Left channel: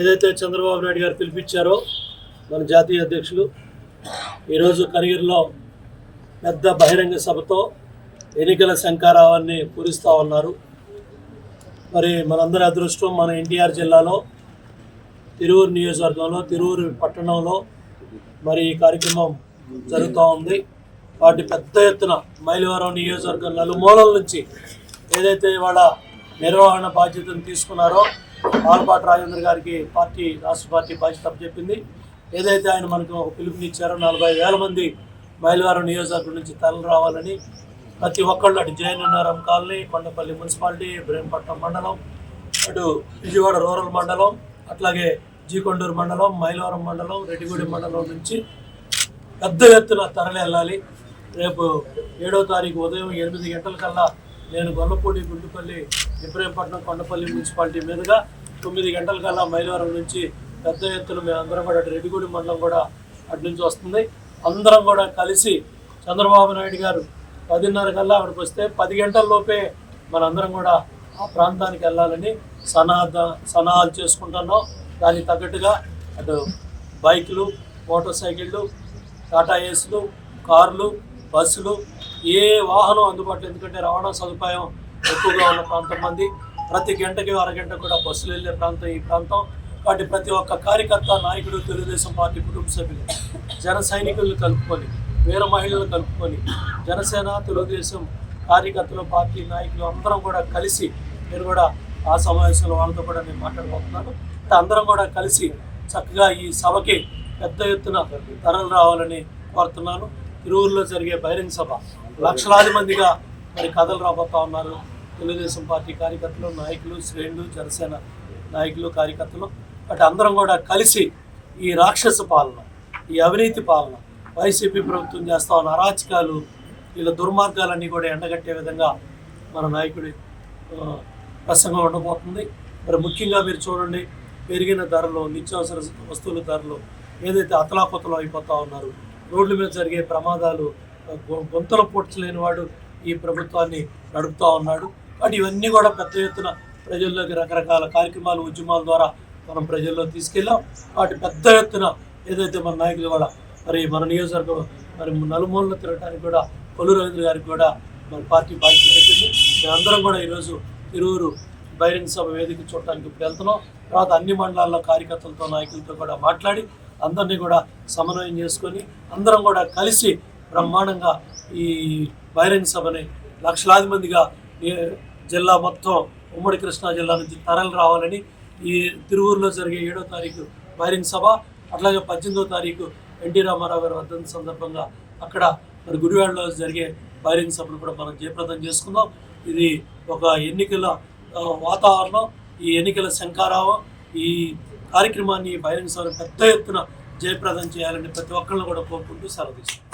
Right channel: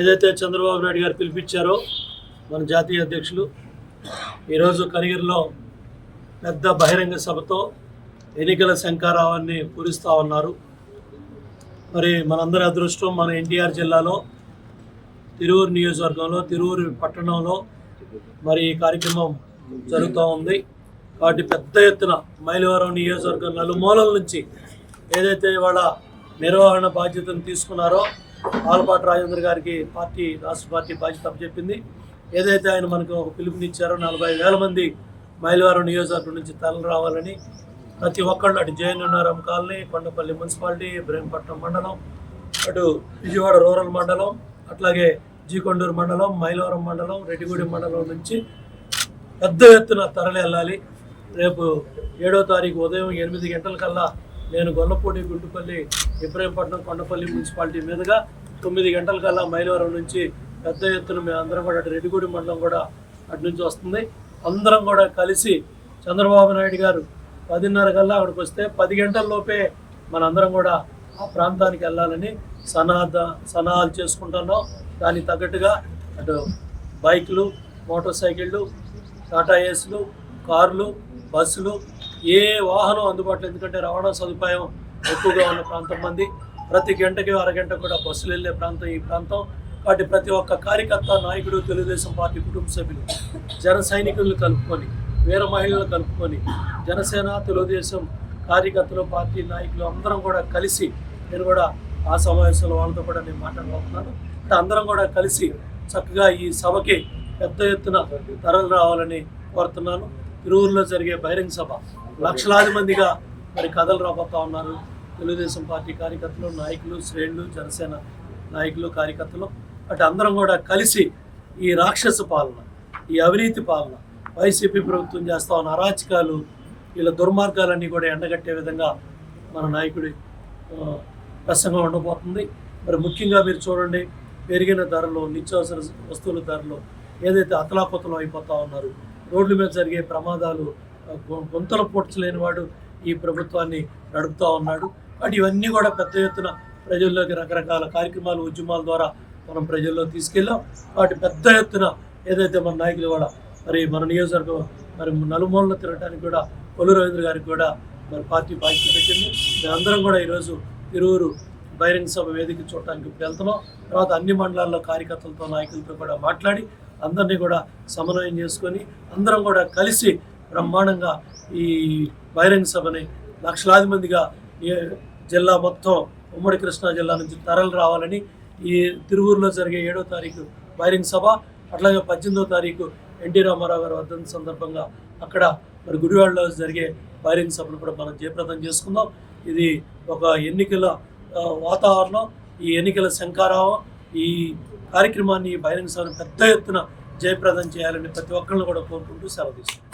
ఏదైతే చంద్రబాబు నాయుడు గారు పిలిపించారో మన జాతీయ అధ్యక్షులు ఈరోజు కనిగిరిలో పెద్ద బహిరంగ సభతో ఎన్నికల శంఖారావాన్ని పూరిస్తూ ఉన్నారు. మరి మనందరి అదృష్టం మన ఎన్టీఆర్ జిల్లాలో తిరువూరు నియోజకవర్గంలో తిరువూరు పట్టణంలో మరి ఈ కార్యక్రమం జరుగుతూ ఉంది. వాటి పెద్ద ఎత్తున మైలవరం నియోజకవర్గం నలుమూలల నుంచి ఏదైతే ఇవాళ నిర్వహణ బాధ్యతను తీసుకున్నారో ఆలపాటి రాజేంద్ర గారికి రాష్ట్ర పార్టీ బాధ్యత అప్పచెప్పింది. ఏదైతే ఆయన మనకు ఒక పిలుపునిచ్చారో 40,000 మంది మైలవరం నియోజకవర్గం నుంచి తరలి రావాలని ప్రతి ఒక్కళ్ళు అటు జయనగరం కాలనీ, కొండపల్లి మున్సిపాలిటీ, ఇబ్రహీంపట్నం మండలం, అటు విజయవాడ రూరల్ మండలం, అట్లాగే జీకొండూరు మండలం, మైలవరం మండలం, రెడ్డిగూడెం మండలం నుంచి పెద్ద ఎత్తున తరలి వెళ్ళాలి. రేపు 7వ తారీఖు ఉదయం 8 గంటలకల్లా నేను గొల్లపూడి, గుంటుపల్లి, ఇబ్రహీంపట్నం, కొండపల్లి మున్సిపాలిటీ మీదుగా 9 గంటలకల్లా మైలవరం నుంచి పెద్ద ఎత్తున మేమందరం కూడా అటు రెడ్డిగూడెం మండలం కూడా అటు నుంచి వస్తుంది. అందరం కూడా కలిసి చంద్రబాబు నాయుడు గారు 10:30 కల్లా అక్కడికి వస్తే 10 గంటల్లోపే మనందరం కూడా ఆ ప్రాంతానికి వెళ్ళాలని సన్నాహాలు చేసుకుంటున్నాం. దానికి తగ్గట్టుగా అటు బైకులు, మోటార్ సైకిళ్ళు, టాటా ఏస్లు, కార్లు, బస్సులు, ఏ వాహనం అందుబాటులో, ఎందుకంటే రవాణా సదుపాయం ఎక్కువగా ఉన్న ప్రాంతం మంది, ప్రతి గంటకి అరగంట కూడా బస్సులు వెళ్ళే ప్రాంతం ఈ ప్రాంతం. వాటి ప్రతి ఒక్క కార్యకర్త, నాయకుడు, తెలుగుదేశం పార్టీ కుటుంబ సభ్యులు, జన సైనికులను కలుపుకొని, వీర మహిళలను కలుపుకొని, జనసేన, తెలుగుదేశం కార్యకర్తలు, పార్టీ నాయకులు అందరం కూడా కలిసి నేను కూడా ఆ సమావేశంలో వాళ్ళతో కూడా నేను మాట్లాడబోతున్నాను. అందరం కూడా కలిసి చక్కగా ఈ సభకి పెద్ద ఎత్తున తరలి రావాలని కోరుతున్నాను. తిరువూరులో జరిగే బహిరంగ సభ లక్షలాది మందిగా మరి కథలు రాబోతూ ఉన్నారు. తెలుగుదేశం పార్టీ కార్యకర్తలు, నాయకులు, శ్రేణులు, జనసేన నాయకులు, కార్యకర్తలు అటు అందరం కూడా కలిసి ఈ రాక్షస పాలన, ఈ అవినీతి పాలన, వైసీపీ ప్రభుత్వం చేస్తూ ఉన్న అరాచకాలు, వీళ్ళ దుర్మార్గాలన్నీ కూడా ఎండగట్టే విధంగా మన నాయకుడి ప్రసంగం ఉండబోతుంది. మరి ముఖ్యంగా మీరు చూడండి, పెరిగిన ధరలు, నిత్యావసర వస్తువుల ధరలు ఏదైతే అతలాకుతలం అయిపోతూ ఉన్నారు, రోడ్ల మీద జరిగే ప్రమాదాలు, గొంతలు పొడ్చలేని వాడు ఈ ప్రభుత్వాన్ని నడుపుతూ ఉన్నాడు. కాబట్టి ఇవన్నీ కూడా పెద్ద ఎత్తున ప్రజల్లోకి రకరకాల కార్యక్రమాలు, ఉద్యమాల ద్వారా మనం ప్రజల్లో తీసుకెళ్ళాం. వాటి పెద్ద ఎత్తున ఏదైతే మన నాయకులు కూడా మరి మన నియోజకవర్గం మరి నలుమూలలో తిరగడానికి కూడా కొల్లు రవీంద్ర గారికి కూడా మరి పార్టీ బాధ్యత పెట్టింది. మేమందరం కూడా ఈరోజు తిరువూరు బహిరంగ సభ వేదిక చూడటానికి వెళ్తున్నాం. తర్వాత అన్ని మండలాల్లో కార్యకర్తలతో, నాయకులతో కూడా మాట్లాడి అందరినీ కూడా సమన్వయం చేసుకొని అందరం కూడా కలిసి బ్రహ్మాండంగా ఈ బహిరంగ సభని లక్షలాది మందిగా జిల్లా మొత్తం ఉమ్మడి కృష్ణా జిల్లా నుంచి తరలి రావాలని ఈ తిరువూరులో జరిగే 7వ తారీఖు బహిరంగ సభ, అట్లాగే 18వ తారీఖు ఎన్టీ రామారావు గారి వర్ధంతి సందర్భంగా అక్కడ మరి గుడివాడలో జరిగే బహిరంగ సభను కూడా మనం జయప్రదం చేసుకుందాం. ఇది ఒక ఎన్నికల వాతావరణం, ఈ ఎన్నికల శంఖారావం. ఈ కార్యక్రమాన్ని, బహిరంగ సభను పెద్ద ఎత్తున జయప్రదం చేయాలని ప్రతి ఒక్కరిని కూడా కోరుకుంటూ సెలవు తీసుకుంటాం.